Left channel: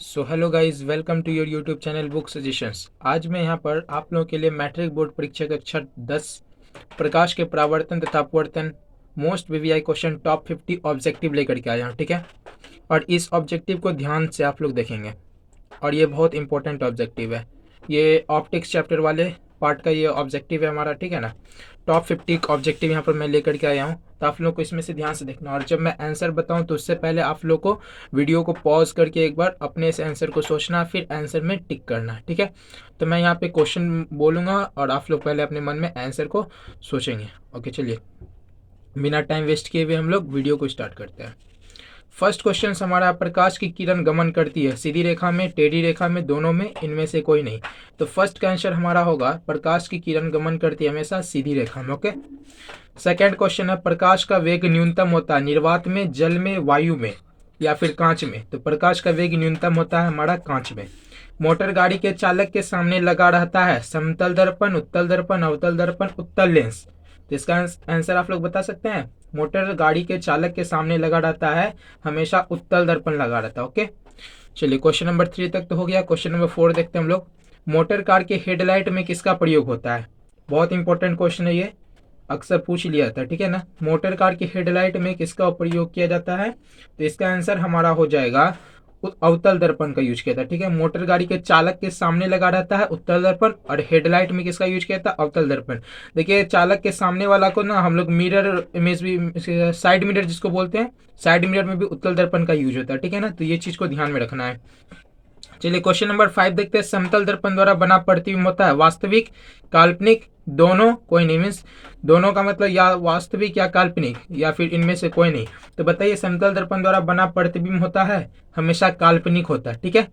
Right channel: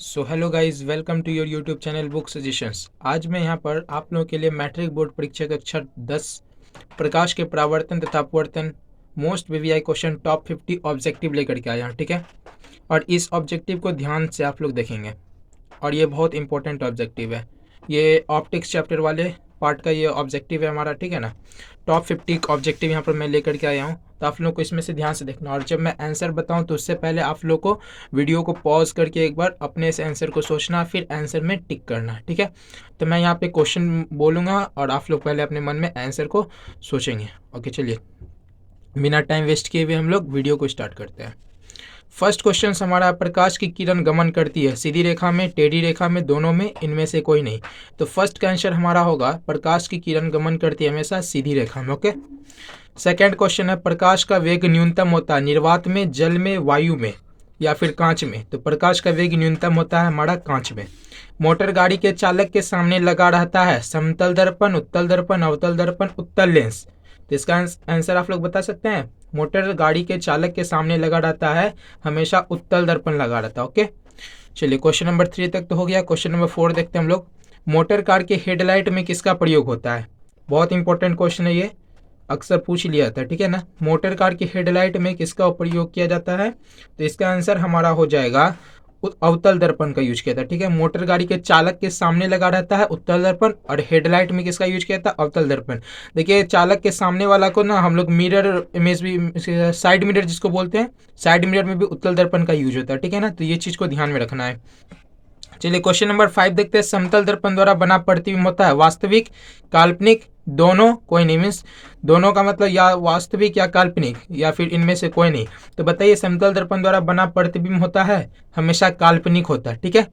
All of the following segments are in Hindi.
So hello guys, welcome to your YouTube channel book suggestions. आज मैं यहाँ पर आप लोगों के लिए मैट्रिक बोर्ड परीक्षा कक्षा 10 प्रकाश के परावर्तन तथा अपवर्तन most VVI question top 50 objective लेकर के आया हूँ। ठीक है, और इस ऑब्जेक्टिव को ध्यान से आप लोग देखेंगे और ये बहुत इंपॉर्टेंट ऑब्जेक्टिव है। ये ऑप्टिक्स चैप्टर वाले पार्ट का ये ऑब्जेक्टिव है हमारा। ठीक है ना, टॉप 50 ऑब्जेक्टिव यहाँ पर मैं लेकर के आया हूँ, तो आप लोग को इसमें से ध्यान से देखना। और जब मैं आंसर बताऊँ तो उससे पहले आप लोग को वीडियो को पॉज करके एक बार अपने इस आंसर को सोचना, फिर आंसर में टिक करना है। ठीक है, तो मैं यहाँ पे क्वेश्चन बोलूँगा और आप लोग पहले अपने मन में आंसर को सोचेंगे। ओके, चलिए बिना टाइम वेस्ट किए हुए हम लोग वीडियो को स्टार्ट करते हैं। फर्स्ट क्वेश्चन हमारा, प्रकाश की किरण गमन करती है सीधी रेखा में, टेढ़ी रेखा में, दोनों में, इनमें से कोई नहीं। तो फर्स्ट का आंसर हमारा होगा प्रकाश की किरण गमन करती है हमेशा सीधी रेखा में। ओके, सेकंड क्वेश्चन है, प्रकाश का वेग न्यूनतम होता है निर्वात में, जल में, वायु में या फिर कांच में। तो प्रकाश का वेग न्यूनतम होता है हमारा कांच में। मोटर गाड़ी के चालक के सामने लगा रहता है समतल दर्पण, उत्तल दर्पण, अवतल दर्पण, उत्तल लेंस। तो इसका आंसर आप लोग बता सकते हैं। मोटर गाड़ी के चालक के सामने लगा रहता है हमेशा उत्तल दर्पण लगा रहता है। ओके, चलिए क्वेश्चन नंबर 3 तक तो हो गया। क्वेश्चन नंबर 4 देखते हैं हम लोग। मोटर कार के हेडलाइट में किसका प्रयोग होता है? बहुत इंपॉर्टेंट क्वेश्चन है ये, अक्सर पूछ लिया था। ठीक है ना, मोटर कार की हेडलाइट में किसका प्रयोग किया जाता है? तो इसका आंसर हमारा हो जाएगा अवतल दर्पण का यूज किया था। ठीक है, मोटर गाड़ी के चालक के सामने लगा रहता है उत्तल दर्पण, और हेडलाइट में किसका यूज किया था? अवतल दर्पण। देखिए, चालक के सामने वाला को ना हम लोग मिरर इमेज भी, साइड मिरर जिसको बोलते हैं, साइड मिरर में भी उत्तल दर्पण का यूज होता है। ठीक है ना, तो ये चीज को ध्यान में रखना है। चलिए क्वेश्चन नंबर 5 देखते हैं। समतल दर्पण द्वारा बना प्रतिबिंब होता है वास्तविक, काल्पनिक, दोनों, कोई नहीं। मीन्स दोनों का मतलब या वास्तविक या काल्पनिक या फिर इनमें से कोई नहीं। तो बताइए, समतल दर्पण द्वारा बना प्रतिबिंब होता है हमेशा काल्पनिक होता है। ठीक है,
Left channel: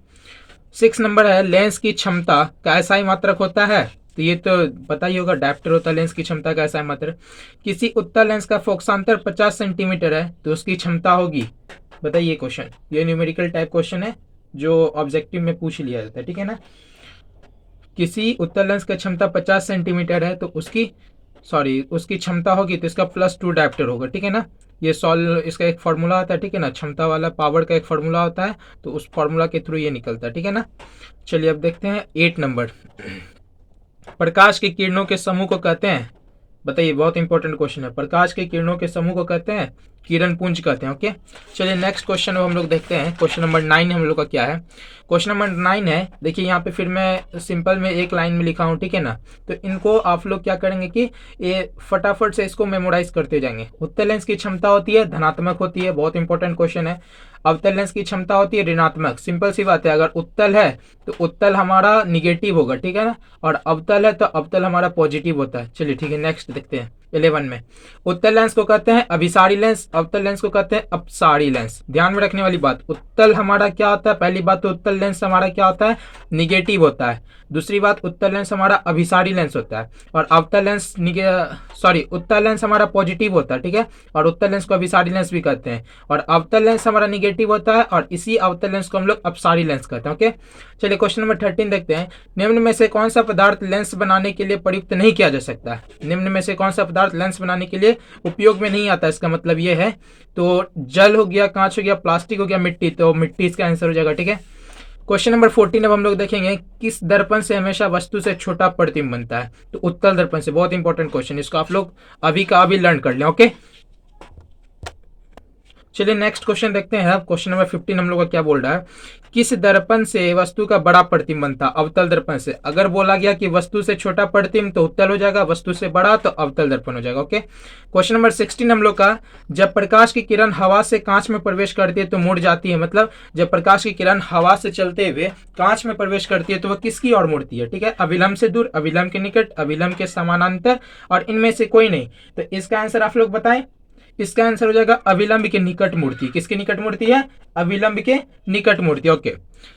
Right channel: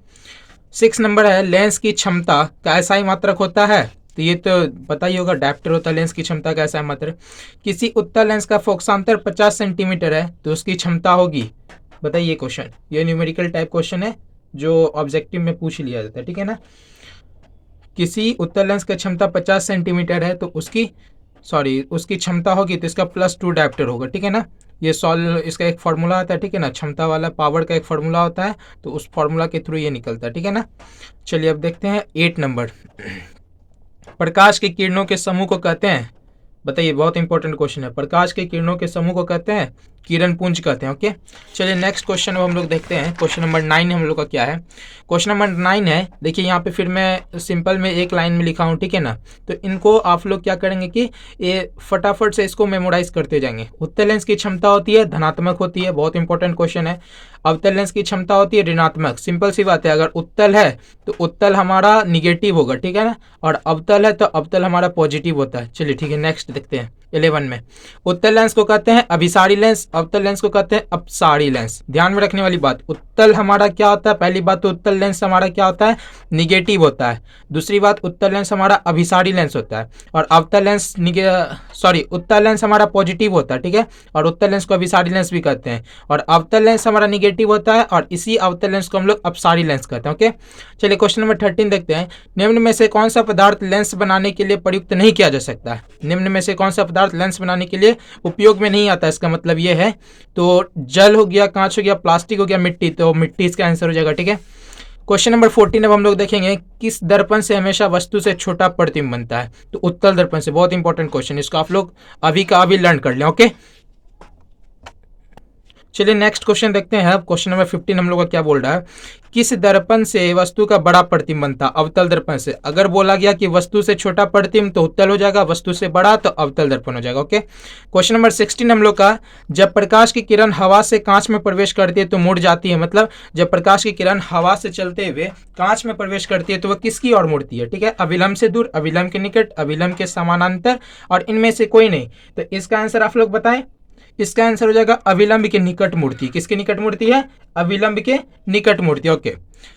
6 नंबर है, लेंस की क्षमता का ऐसा ही मात्रक होता है। तो ये तो पता ही होगा, डायप्टर होता है। लेंस की क्षमता का ऐसा ही मात्रक। किसी उत्तल लेंस का फोकसांतर 50 सेंटीमीटर है तो उसकी क्षमता होगी। बताइए क्वेश्चन, ये न्यूमेरिकल टाइप क्वेश्चन है जो ऑब्जेक्टिव में पूछ लिया जाता है। ठीक है ना, किसी उत्तल लेंस की क्षमता 50 सेंटीमीटर है तो उसकी क्षमता होगी तो इसका +2 डायप्टर होगा। ठीक है ना, ये सॉल्व इसका एक फार्मूला आता है। ठीक है ना, क्षमता वाला पावर का एक फार्मूला होता है, तो उस फार्मूला के थ्रू ये निकलता है। ठीक है ना, चलिए अब देखते हैं 8 नंबर। प्रकाश की किरणों के समूह को कहते हैं, बताइए, बहुत इंपॉर्टेंट क्वेश्चन है। प्रकाश के किरणों के समूह को कहते हैं किरण पुंज कहते हैं। ओके, चलिए नेक्स्ट क्वेश्चन हम लोग देखते हैं। क्वेश्चन नंबर 9 हम लोग का क्या है? क्वेश्चन नंबर 9 है, देखिए यहाँ पे फिर मैं सिंपल में एक लाइन में लिखा हूँ। ठीक है ना, तो इनको आप लोग क्या करेंगे कि ये फटाफट से इसको मेमोराइज करते जाएंगे। उत्तल लेंस की क्षमता होती है धनात्मक होती है, बहुत इंपॉर्टेंट क्वेश्चन है। अवतल लेंस की क्षमता होती है ऋणात्मक। सिंपल सी बात है, अगर उत्तल है तो उत्तल हमारा निगेटिव होगा। ठीक है ना, और अवतल है तो अवतल हमारा पॉजिटिव होता है। चलिए ठीक है, नेक्स्ट देखते हैं 11 में। उत्तल लेंस को कहते हैं अभिसारी लेंस, अवतल लेंस को कहते हैं अपसारी लेंस। ध्यान में रखने वाली बात, उत्तल हमारा क्या होता है? पहली बात तो उत्तल लेंस हमारा क्या होता है? निगेटिव होता है। दूसरी बात, उत्तल लेंस हमारा अभिसारी लेंस होता है, और अवतल लेंस उत्तल लेंस हमारा पॉजिटिव होता है। ठीक है, और उत्तल लेंस को अभिसारी लेंस भी कहते हैं, और अवतल लेंस हमारा निगेटिव होता है, और इसी अवतल लेंस को हम लोग अपसारी लेंस कहते हैं। ओके, चलिए क्वेश्चन नंबर 13 देखते हैं। निम्न में से कौन सा पदार्थ लेंस बनाने के लिए प्रयुक्त नहीं किया जा सकता है? निम्न में से कौन सा पदार्थ लेंस बनाने के लिए उपयोग में नहीं आता? इसका मतलब ये है, तो जल हो गया, कांच हो गया, प्लास्टिक हो गया, मिट्टी, तो मिट्टी इसका आंसर हो जाएगा। ठीक है, क्वेश्चन नंबर 14 अब हम लोग देखेंगे, किस दर्पण से हमेशा वस्तु से छोटा प्रतिबिंब बनता है? तो उत्तल दर्पण से। बहुत इंपॉर्टेंट क्वेश्चन, इसको आप लोग अभी का अभी लर्न कर लें। ओके, चलिए नेक्स्ट क्वेश्चन देखते हैं। क्वेश्चन नंबर 15 हम लोग का क्या बोल रहा है? किस दर्पण से वस्तु का बड़ा प्रतिबिंब बनता? अवतल दर्पण से। अगर बोला गया कि वस्तु से छोटा प्रतिबिंब तो उत्तल हो जाएगा, वस्तु से बड़ा तो अवतल दर्पण हो जाएगा। ओके, क्वेश्चन नंबर 16 हम लोग का, जब प्रकाश की किरण हवा से कांच में प्रवेश करती है तो मुड़ जाती है। मतलब जब प्रकाश की किरण हवा से चलते हुए कांच में प्रवेश करती है तो वह किसकी ओर मुड़ती है? ठीक है, अविलंब से दूर, अविलंब के निकट, अविलंब के समानांतर, और इनमें से कोई नहीं। तो इसका आंसर आप लोग बताएं। इसका आंसर हो जाएगा अविलंब के निकट मूर्ति। किसके निकट मूर्ति है? अविलंब के निकट मूर्ति। ओके,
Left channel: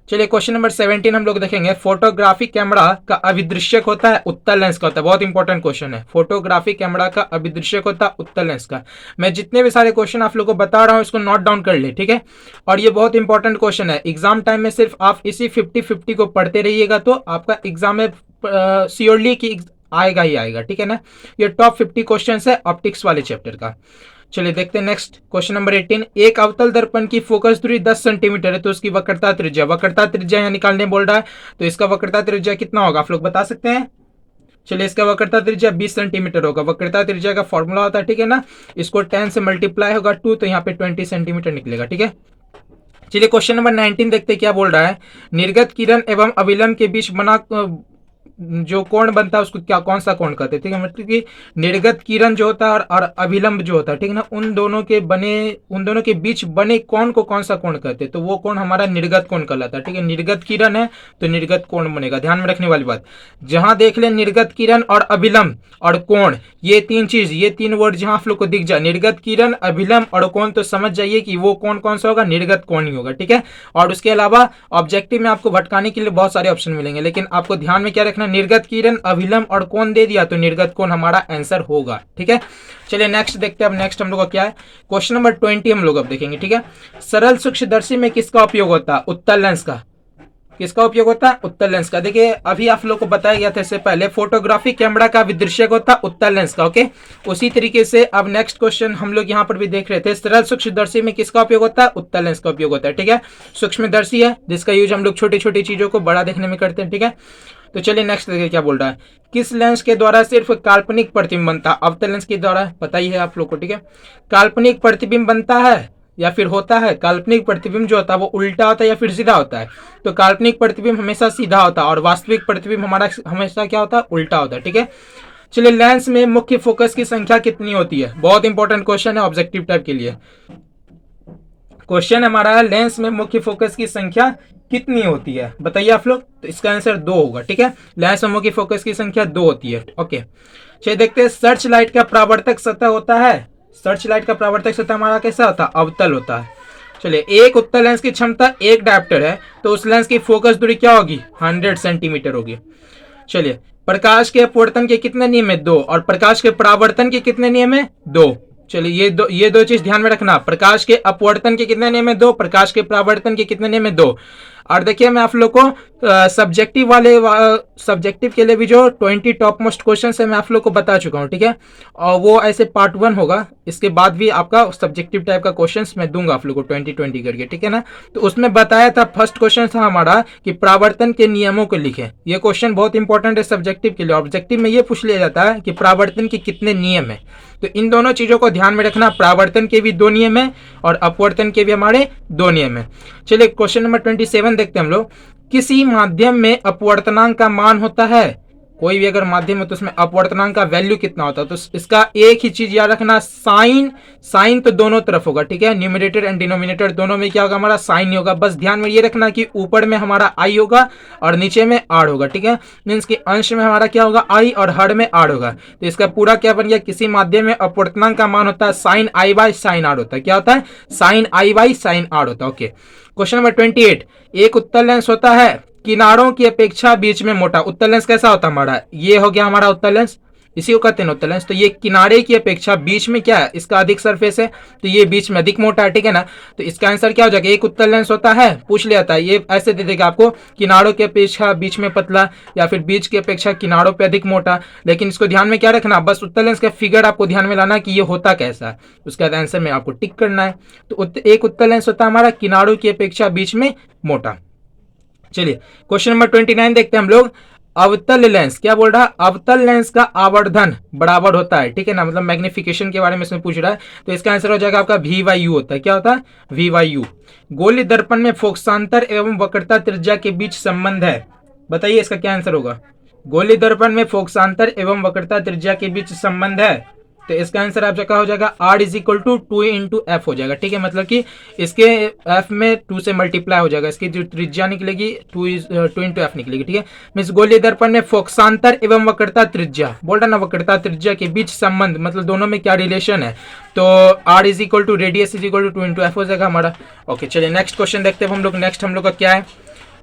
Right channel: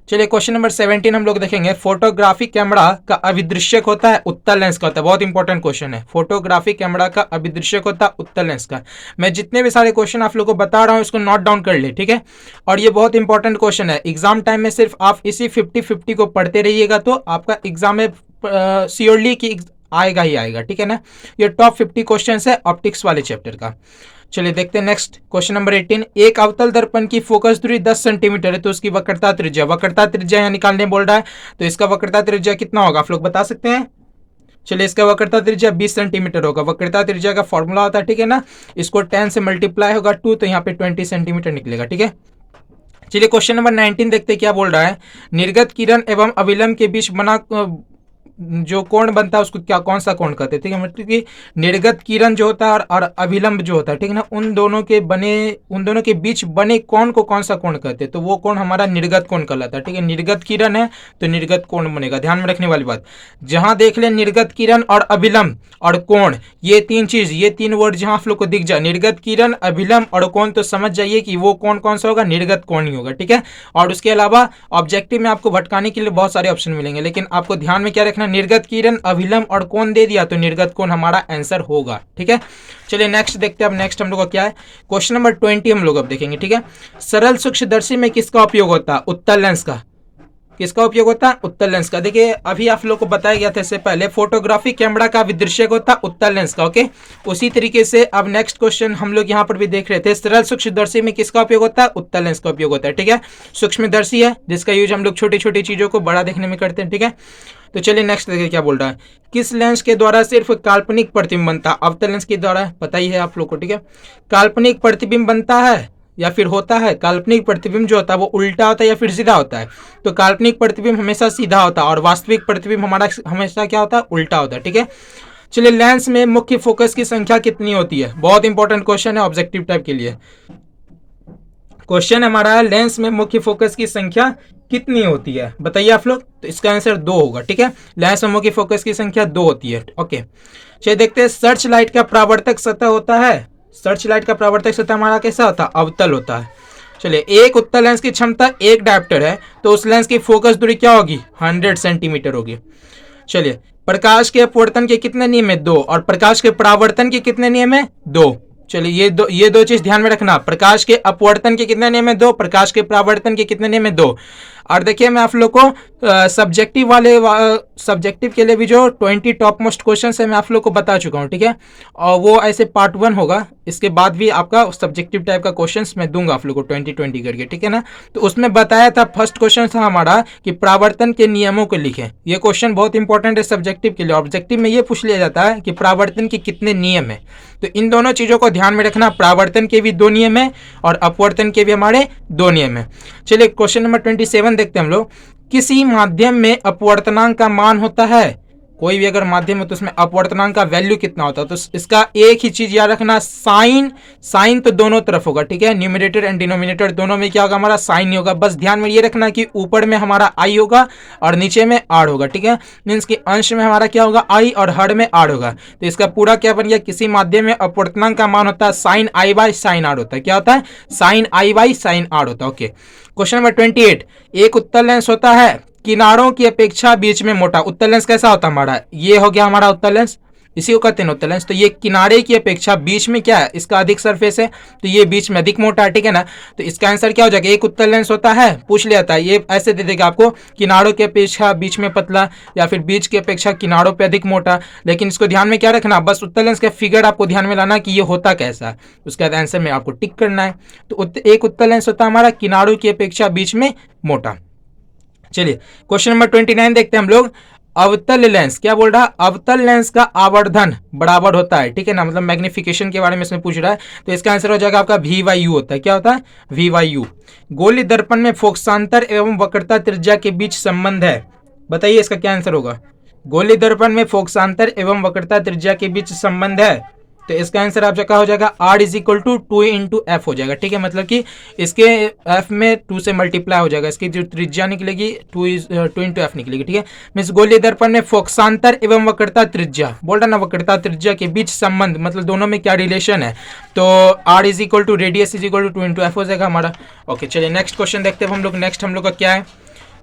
चलिए क्वेश्चन नंबर 17 हम लोग देखेंगे। फोटोग्राफिक कैमरा का अभिदृश्यक होता है उत्तल लेंस का होता है। बहुत इंपॉर्टेंट क्वेश्चन है, फोटोग्राफिक कैमरा का अभिदृश्यक होता है उत्तल लेंस का। मैं जितने भी सारे क्वेश्चन आप लोग को बता रहा हूं इसको नोट डाउन कर ले। ठीक है, और ये बहुत इंपॉर्टेंट क्वेश्चन है। एग्जाम टाइम में सिर्फ आप इसी 50-50 को पढ़ते रहिएगा तो आपका एग्जाम में श्योरली कि आएगा ही आएगा। ठीक है ना, ये टॉप 50 क्वेश्चन है ऑप्टिक्स वाले चैप्टर का। चलिए देखते हैं नेक्स्ट क्वेश्चन नंबर 18। एक अवतल दर्पण की फोकस दूरी 10 सेंटीमीटर है तो उसकी वक्रता त्रिज्या यहाँ निकालने बोल रहा है, तो इसका वक्रता त्रिज्या कितना होगा आप लोग बता सकते हैं। चलिए इसका वक्रता त्रिज्या 20 सेंटीमीटर होगा। वक्रता त्रिज्या का फॉर्मूला होता है, ठीक है ना, इसको 10 से मल्टीप्लाई होगा 2, तो यहाँ पे 20 सेंटीमीटर निकलेगा, ठीक है। चलिए क्वेश्चन नंबर 19 देखते हैं क्या बोल रहा है। निर्गत किरण एवं अविलंब के बीच बना जो कोण बनता है उसको क्या कौन सा कोण कहते हैं, ठीक है। मतलब कि निर्गत किरण जो होता है और अभिलंब जो होता है, ठीक है ना, उन दोनों के बीच बने कोण को कौन सा कोण कहते हैं, तो वो कोण हमारा निर्गत कोण कहलाता है, ठीक है। निर्गत किरण है तो निर्गत कोण बनेगा, ध्यान में रखने वाली बात। जहां देख ले निर्गत किरण और अभिलंब और कोण, ये तीन वर्ड जहां आप लोग को दिख जाए, निर्गत किरण अभिलंब और कोण, तो समझ जाइए कि वो कोण कौन सा होगा, निर्गत कोण ही होगा, ठीक है। और उसके अलावा ऑब्जेक्टिव में आपको भटकाने के लिए बहुत सारे ऑप्शन मिलेंगे, लेकिन आपको ध्यान में क्या रखना, निर्गत किरण अभिलंब और कोण दे दिया तो निर्गत कोण हमारा आंसर होगा, ठीक है। चलिए नेक्स्ट देखते हैं। अब नेक्स्ट हम लोग का क्या है, क्वेश्चन नंबर 20 हम लोग अब देखेंगे, ठीक है। सरल सूक्ष्मदर्शी में किसका उपयोग होता है, उत्तल लेंस का। किसका उपयोग होता है, उत्तल लेंस का। देखिए अभी आप लोग को बताया गया था इससे पहले, फोटोग्राफी कैमरा का विदृश्यक होता है उत्तल लेंस का, ओके। उसी तरीके से अब नेक्स्ट क्वेश्चन हम लोग यहाँ पर भी देख रहे थे, सरल सूक्ष्मदर्शी में किसका उपयोग होता है, उत्तल लेंस का उपयोग होता है, ठीक है। सूक्ष्मदर्शी है जिसका यूज हम लोग छोटी छोटी चीजों को बड़ा देखने में करते हैं, ठीक है। तो चलिए नेक्स्ट देखिए क्या बोल रहा है। किस लेंस के द्वारा सिर्फ काल्पनिक प्रतिबिंब बनता है, अवतल लेंस के द्वारा, पता ही है आप लोग को, ठीक है। काल्पनिक प्रतिबिंब बनता है या फिर होता है, काल्पनिक प्रतिबिंब जो होता है वो उल्टा होता है या फिर सीधा होता है, तो काल्पनिक प्रतिबिंब हमेशा सीधा होता है और वास्तविक प्रतिबिंब हमारा हमेशा क्या होता है, उल्टा होता है, ठीक है। चलिए लेंस में मुख्य फोकस की संख्या कितनी होती है, बहुत इंपॉर्टेंट क्वेश्चन है ऑब्जेक्टिव टाइप के लिए। क्वेश्चन हमारा है लेंस में मुख्य फोकस की संख्या कितनी होती है, बताइए आप लोग। तो इसका आंसर 2 होगा, ठीक है। लेंस में मुख्य फोकस की संख्या 2 होती है, ओके। चलिए देखते हैं, सर्च लाइट का परावर्तक सतह होता है, सर्च लाइट का परावर्तक सतह हमारा कैसा होता है, अवतल होता है। चलिए एक उत्तल लेंस की क्षमता 1 डायोप्टर है तो उस लेंस की फोकस दूरी क्या होगी, 100 सेंटीमीटर होगी। चलिए प्रकाश के अपवर्तन के कितने नियम है, 2, और प्रकाश के परावर्तन के कितने नियम है, 2। चलिए ये दो चीज ध्यान में रखना, प्रकाश के अपवर्तन के कितने नियम है, 2, प्रकाश के परावर्तन के कितने नियम है, 2। और देखिए मैं आप लोग को सब्जेक्टिव के लिए भी जो 20 टॉप मोस्ट क्वेश्चन है मैं आप लोग को बता चुका हूँ, ठीक है। और वो ऐसे पार्ट 1 होगा, इसके बाद भी आपका सब्जेक्टिव टाइप का क्वेश्चन मैं दूंगा आप लोग को 20 करके, ठीक है ना। तो उसमें बताया था, फर्स्ट क्वेश्चन था हमारा कि परावर्तन के नियमों को लिखें। ये क्वेश्चन बहुत इंपॉर्टेंट है सब्जेक्टिव के लिए। ऑब्जेक्टिव में ये पूछ लिया जाता है कि परावर्तन के कितने नियम है, तो इन दोनों चीजों को ध्यान में रखना, परावर्तन के भी 2 नियम है और अपवर्तन के भी हमारे 2 नियम है। चलिए क्वेश्चन नंबर 27 देखते हैं हम लोग। किसी माध्यम में अपवर्तनांक का मान होता है, कोई भी अगर माध्यम है तो उसमें अपवर्तनांक का वैल्यू कितना होता है, तो इसका एक ही चीज याद रखना, साइन तो दोनों तरफ होगा, ठीक है। न्यूमरेटर एंड डिनोमिनेटर दोनों में क्या होगा, हमारा साइन ही होगा। बस ध्यान में ये रखना कि ऊपर में हमारा आई होगा और नीचे में आर होगा, ठीक है। मीन्स कि अंश में हमारा क्या होगा, आई, और हर में आर होगा। तो इसका पूरा क्या बन गया, किसी माध्यम में अपवर्तनांक का मान होता है sine i by sine r होता है, क्या होता है, sine i by sine r होता है, ओके। Question number 28। एक उत्तल लेंस होता है किनारों की अपेक्षा बीच में मोटा। उत्तल लेंस कैसा होता है हमारा, ये हो गया हमारा उत्तल लेंस, इसी को कहते हैं उत्तल लेंस। तो ये किनारे की अपेक्षा बीच में क्या है, इसका अधिक सरफेस है, तो ये बीच में अधिक मोटा है, ठीक है ना। तो इसका आंसर क्या हो जाएगा, एक उत्तल लेंस होता है, पूछ लिया था, ये ऐसे दे देगा आपको, किनारों की अपेक्षा बीच में पतला या फिर बीच की अपेक्षा किनारों पे अधिक मोटा। लेकिन इसको ध्यान में क्या रखना, बस उत्तल लेंस का फिगर आपको ध्यान में लाना कि ये होता कैसा है, उसके बाद आंसर में आपको टिक करना है। तो एक उत्तल लेंस होता है हमारा किनारों की अपेक्षा बीच में मोटा। चलिए क्वेश्चन नंबर 29 देखते हैं हम लोग। अवतल लेंस क्या बोल रहा है, अवतल लेंस का आवर्धन बराबर होता है, ठीक है ना, मतलब मैग्निफिकेशन के बारे में इसमें पूछ रहा है। तो इसका आंसर हो जाएगा आपका V/U होता है, क्या होता है, V/U। गोलीय दर्पण में फोकसांतर एवं वक्रता त्रिज्या के बीच संबंध है, बताइए इसका क्या आंसर होगा। गोलीय दर्पण में फोकसांतर एवं वक्रता त्रिज्या के बीच संबंध है, तो इसका आंसर आप क्या हो जाएगा, R = 2 × F हो जाएगा, ठीक है। मतलब कि इसके F में 2 से मल्टीप्लाई हो जाएगा, इसकी जो त्रिज्या निकलेगी 2 × F निकलेगी, ठीक है। मीन्स गोलीय दर्पण में फोकसांतर एवं वक्रता त्रिज्या, बोल रहा ना, वक्रता त्रिज्या के बीच संबंध, मतलब दोनों में क्या रिलेशन है, तो R = रेडियस = 2 × F हो जाएगा हमारा, ओके। चलिए नेक्स्ट क्वेश्चन देखते हैं हम लोग। नेक्स्ट हम लोग का क्या है,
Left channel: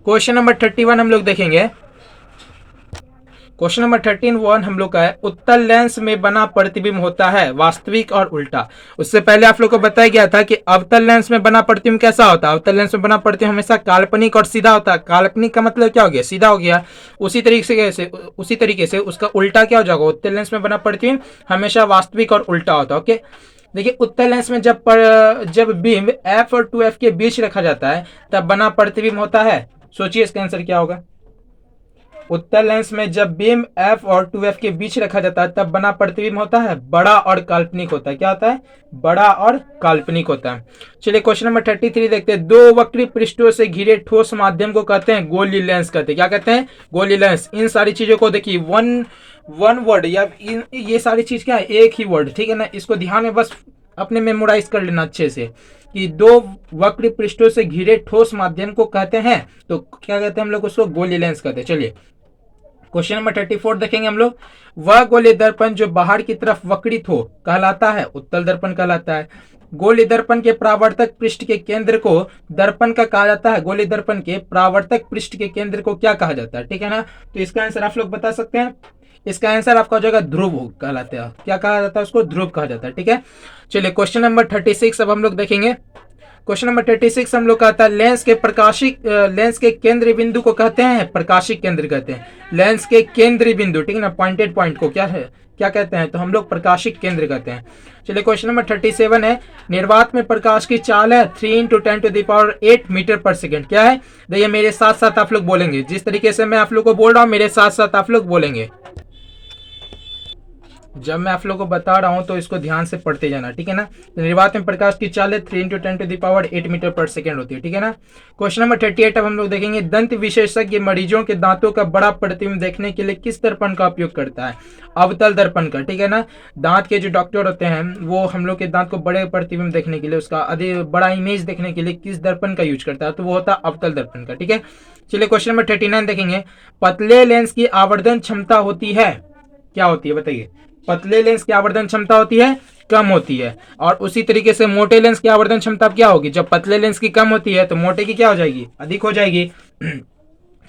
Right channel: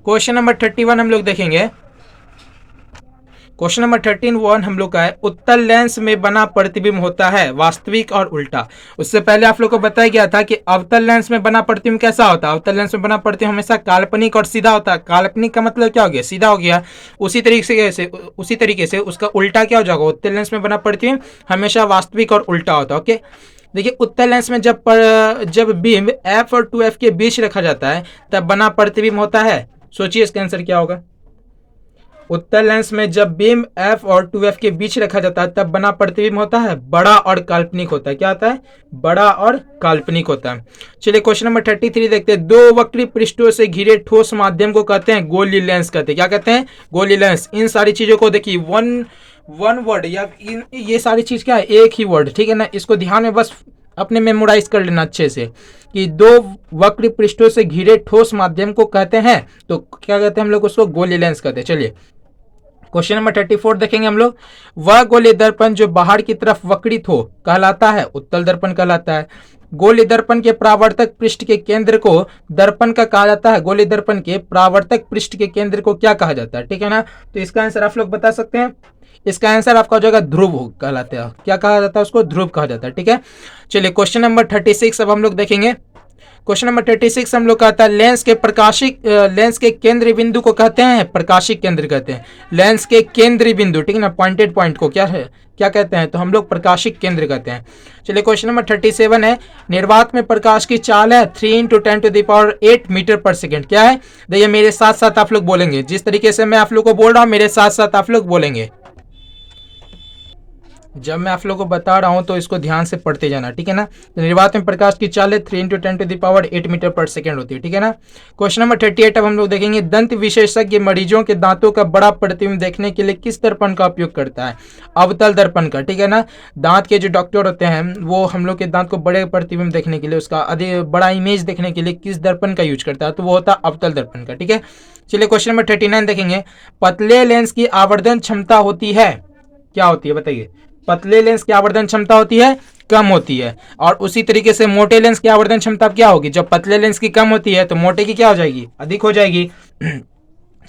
क्वेश्चन नंबर 31 हम लोग देखेंगे। क्वेश्चन नंबर 13 हम लोग का है, उत्तल लेंस में बना प्रतिबिंब होता है वास्तविक और उल्टा। उससे पहले आप लोग को बताया गया था कि अवतल लेंस में बना प्रतिबिंब कैसा होता है, अवतल लेंस में बना प्रतिबिंब हमेशा काल्पनिक और सीधा होता है। काल्पनिक का मतलब क्या हो गया, सीधा हो गया। उसी तरीके से उसका उल्टा क्या हो जाएगा, उत्तल लेंस में बना प्रतिबिंब हमेशा वास्तविक और उल्टा होता है, ओके। देखिए उत्तल लेंस में जब बीम F और 2F के बीच रखा जाता है तब बना प्रतिबिंब होता है। सोचिए इसका आंसर क्या होगा। उत्तल लेंस में जब बीम F और 2F के बीच रखा जाता है तब बना प्रतिबिंब होता है बड़ा और काल्पनिक होता है। क्या होता है? बड़ा और काल्पनिक होता है। चलिए क्वेश्चन नंबर 33 देखते हैं। दो वक्री पृष्ठों से घिरे ठोस माध्यम को कहते हैं गोली लेंस कहते हैं। क्या कहते हैं? गोली लेंस। इन सारी चीजों को देखिए वन वर्ड या ये सारी चीज क्या है? एक ही वर्ड, ठीक है ना। इसको ध्यान में बस अपने मेमोराइज कर लेना अच्छे से कि दो वक्र पृष्ठों से घिरे ठोस माध्यम को कहते हैं, तो क्या कहते हैं हम लोग उसको? गोली लेंस कहते हैं। चलिए क्वेश्चन नंबर 34 देखेंगे हम लोग। वह गोली दर्पण जो बाहर की तरफ वक्रित हो कहलाता है उत्तल दर्पण कहलाता है। गोली दर्पण के परावर्तक पृष्ठ के केंद्र को दर्पण का कहा जाता है। गोली दर्पण के परावर्तक पृष्ठ के केंद्र को क्या कहा जाता है? ठीक है ना। तो इसका आंसर आप लोग बता सकते हैं। इसका आंसर आपका हो जाएगा ध्रुव कहलाता है। क्या कहा जाता है उसको? ध्रुव कहा जाता है। ठीक है। चलिए क्वेश्चन नंबर 36 अब हम लोग देखेंगे। क्वेश्चन नंबर 36 हम लोग कहता है लेंस के केंद्र बिंदु को कहते हैं प्रकाशिक केंद्र कहते हैं। लेंस के केंद्र बिंदु, ठीक है ना, पॉइंटेड पॉइंट को क्या है, क्या कहते हैं? तो हम लोग प्रकाशिक केंद्र कहते हैं। चलिए क्वेश्चन नंबर 37 है। निर्वात में प्रकाश की चाल है 3 × 10⁸ मीटर पर सेकेंड। क्या है? देखिए मेरे साथ साथ आप लोग बोलेंगे। जिस तरीके से मैं आप लोग को बोल रहा हूं मेरे साथ साथ आप लोग बोलेंगे। जब मैं आप लोगों को बता रहा हूं तो इसको ध्यान से पढ़ते जाना, ठीक है ना। तो निर्वात में प्रकाश की चाल 3 × 10⁸ मीटर पर सेकेंड होती है, ठीक है ना। क्वेश्चन नंबर 38 अब हम लोग देखेंगे। दंत विशेषज्ञ मरीजों के दांतों का बड़ा प्रतिबिंब देखने के लिए किस दर्पण का उपयोग करता है? अवतल दर्पण का, ठीक है ना। दांत के जो डॉक्टर होते हैं वो हम लोग के दांत को बड़े प्रतिबिंब देखने के लिए, उसका अधिक बड़ा इमेज देखने के लिए किस दर्पण का यूज करता है? तो वो होता है अवतल दर्पण का, ठीक है। चलिए क्वेश्चन नंबर 39 देखेंगे। पतले लेंस की आवर्धन क्षमता होती है, क्या होती है बताइए? पतले लेंस की आवर्धन क्षमता होती है कम होती है, और उसी तरीके से मोटे लेंस की आवर्धन क्षमता क्या होगी? जब पतले लेंस की कम होती है तो मोटे की क्या हो जाएगी? अधिक हो जाएगी।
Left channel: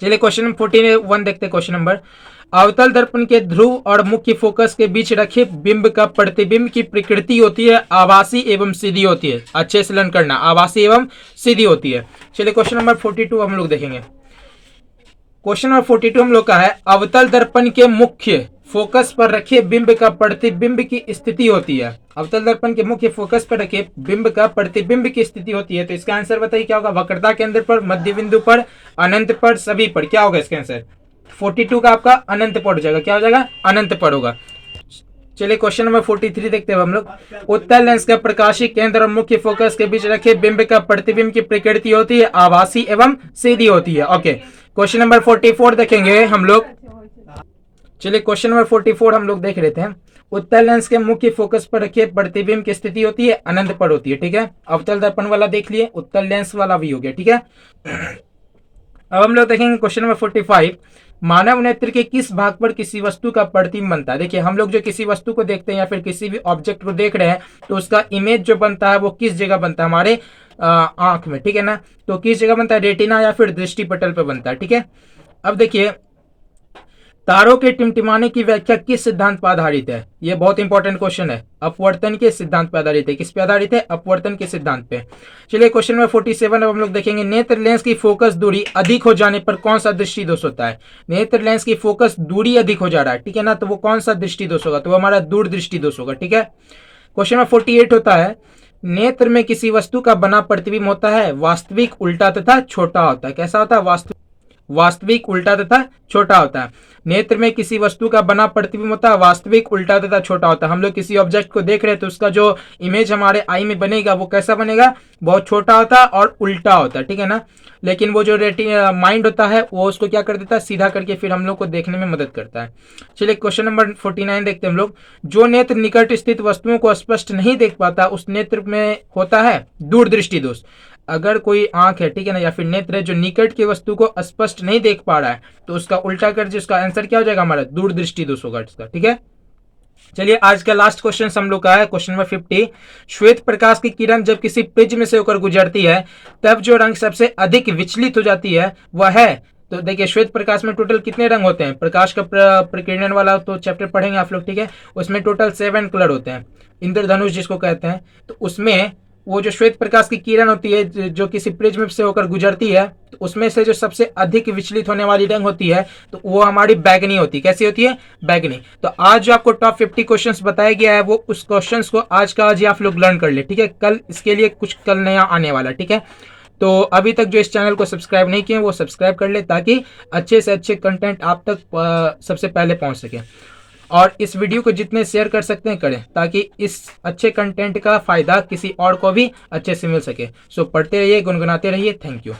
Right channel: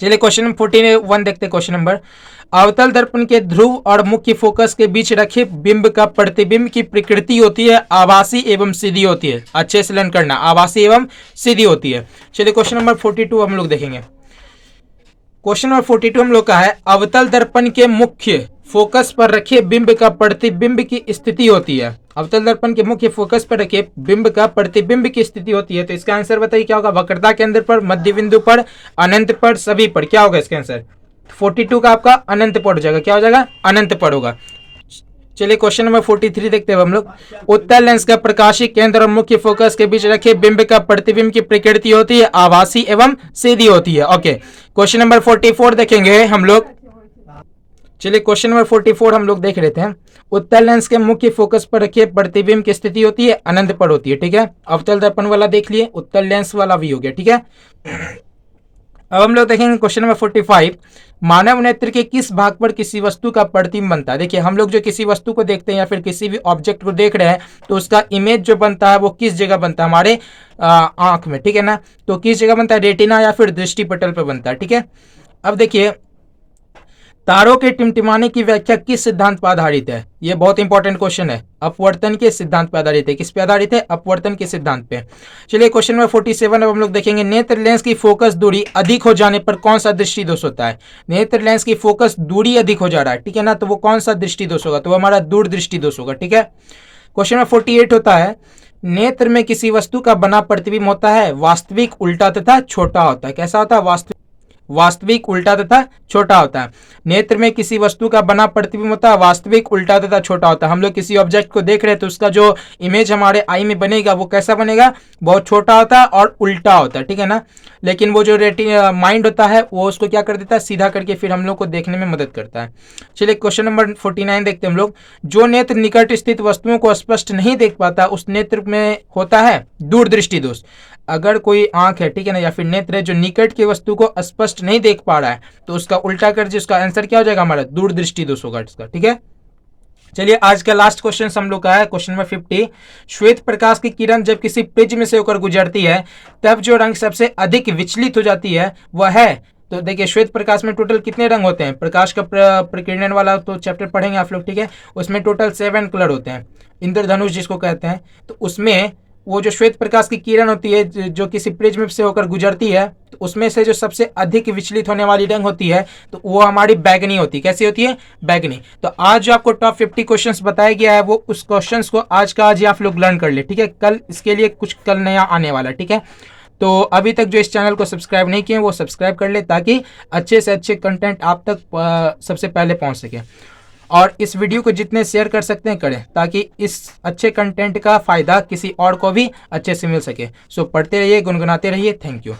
चलिए क्वेश्चन नंबर 41 देखते हैं। Question number. अवतल दर्पण के ध्रुव और मुख्य फोकस के बीच रखे बिंब का प्रतिबिंब की प्रकृति होती है आभासी एवं सीधी होती है। अच्छे से लर्न करना, आभासी एवं सीधी होती है। चलिए क्वेश्चन नंबर 42 हम लोग देखेंगे। क्वेश्चन नंबर 42 हम लोग का है। अवतल दर्पण के मुख्य फोकस पर रखे बिंब का प्रतिबिंब की स्थिति होती है। अवतल दर्पण के मुख्य फोकस पर रखे बिंब का प्रतिबिंब की स्थिति होती है। तो इसका आंसर बताइए क्या होगा? वक्रता केंद्र पर, मध्य बिंदु पर, अनंत पर, सभी पर। क्या होगा इसका आंसर? 42 का आपका अनंत पर हो जाएगा। क्या हो जाएगा? अनंत पर होगा। चलिए क्वेश्चन नंबर 43 देखते हैं हम लोग। उत्तल लेंस का प्रकाशिक केंद्र और मुख्य फोकस के बीच रखे बिंब का प्रतिबिंब की प्रकृति होती है आभासी एवं सीधी होती है। ओके, क्वेश्चन नंबर 44 देखेंगे हम लोग। चलिए क्वेश्चन नंबर 44 हम लोग देख लेते हैं। उत्तल लेंस के मुख्य फोकस पर रखे प्रतिबिंब की स्थिति होती है अनंत पर होती है, ठीक है। अवतल दर्पण वाला देख लिए, उत्तल लेंस वाला भी हो गया, ठीक है। अब हम लोग देखेंगे क्वेश्चन नंबर 45। मानव नेत्र के किस भाग पर किसी वस्तु का प्रतिबिंब बनता है? देखिए हम लोग जो किसी वस्तु को देखते हैं या फिर किसी भी ऑब्जेक्ट को देख रहे हैं तो उसका इमेज जो बनता है वो किस जगह बनता है? हमारे आंख में, ठीक है ना। तो किस जगह बनता है? रेटिना या फिर दृष्टि पटल पर बनता है, ठीक है। अब देखिए तारों के टिमटिमाने की व्याख्या किस सिद्धांत पर आधारित है? यह बहुत इंपॉर्टेंट क्वेश्चन है। अपवर्तन के सिद्धांत पर आधारित है। किस पे आधारित है? अपवर्तन के सिद्धांत पे। चलिए क्वेश्चन नंबर 47 अब हम लोग देखेंगे। नेत्र लेंस की फोकस दूरी अधिक हो जाने पर कौन सा दृष्टि दोष होता है? नेत्र लेंस की फोकस दूरी अधिक हो जा रहा है, ठीक है ना, तो वो कौन सा दृष्टि दोष होगा? तो वो हमारा दूरदृष्टि दोष होगा, ठीक है। क्वेश्चन नंबर 48 होता है। नेत्र में किसी वस्तु का बना प्रतिबिंब होता है वास्तविक, उल्टा तथा छोटा होता है। कैसा होता है? वास्तविक, उल्टा तथा छोटा होता है। नेत्र में किसी वस्तु का बना प्रतिबिंब होता है वास्तविक, उल्टा तथा छोटा होता है। हम लोग किसी ऑब्जेक्ट को देख रहे हैं तो उसका जो इमेज हमारे आई में बनेगा वो कैसा बनेगा? बहुत छोटा होता है और उल्टा होता है, ठीक है ना। लेकिन वो जो माइंड होता है वो उसको क्या कर देता है? सीधा करके फिर हम लोग को देखने में मदद करता है। चलिए क्वेश्चन नंबर 49 देखते हैं हम लोग। जो नेत्र निकट स्थित वस्तुओं को स्पष्ट नहीं देख पाता उस नेत्र में होता है दूरदृष्टि दोष। अगर कोई आंख है, ठीक है ना, या फिर नेत्र है जो निकट की वस्तु को स्पष्ट नहीं देख पा रहा है तो उसका उल्टा कर जिसका आंसर क्या हो जाएगा? हमारा दूरदृष्टि दोष होगा इसका, ठीक है। चलिए आज का लास्ट क्वेश्चन हम लोग का है क्वेश्चन नंबर 50। श्वेत प्रकाश की किरण जब किसी प्रिज्म से होकर गुजरती है तब जो रंग सबसे अधिक विचलित हो जाती है वह है? तो देखिए श्वेत प्रकाश में टोटल कितने रंग होते हैं? प्रकाश का प्रकीर्णन वाला तो चैप्टर पढ़ेंगे आप लोग, ठीक है। उसमें टोटल 7 कलर होते हैं, इंद्रधनुष जिसको कहते हैं। तो उसमें वो जो श्वेत प्रकाश की किरण होती है जो किसी प्रिज्म से होकर गुजरती है तो तो उसमें से जो सबसे अधिक विचलित होने वाली रंग होती है तो वो हमारी बैगनी होती है। कैसी होती है? बैगनी। तो आज जो आपको टॉप 50 क्वेश्चंस बताया गया है वो उस क्वेश्चंस को आज का आज ही आप लोग लर्न कर ले, ठीक है। कल इसके लिए कुछ कल नया आने वाला, ठीक है। तो अभी तक जो इस चैनल को सब्सक्राइब नहीं किए वो सब्सक्राइब कर ले, ताकि अच्छे से अच्छे कंटेंट आप तक सबसे पहले पहुंच सके। और इस वीडियो को जितने शेयर कर सकते हैं करें, ताकि इस अच्छे कंटेंट का फ़ायदा किसी और को भी अच्छे से मिल सके। सो पढ़ते रहिए, गुनगुनाते रहिए। Thank you.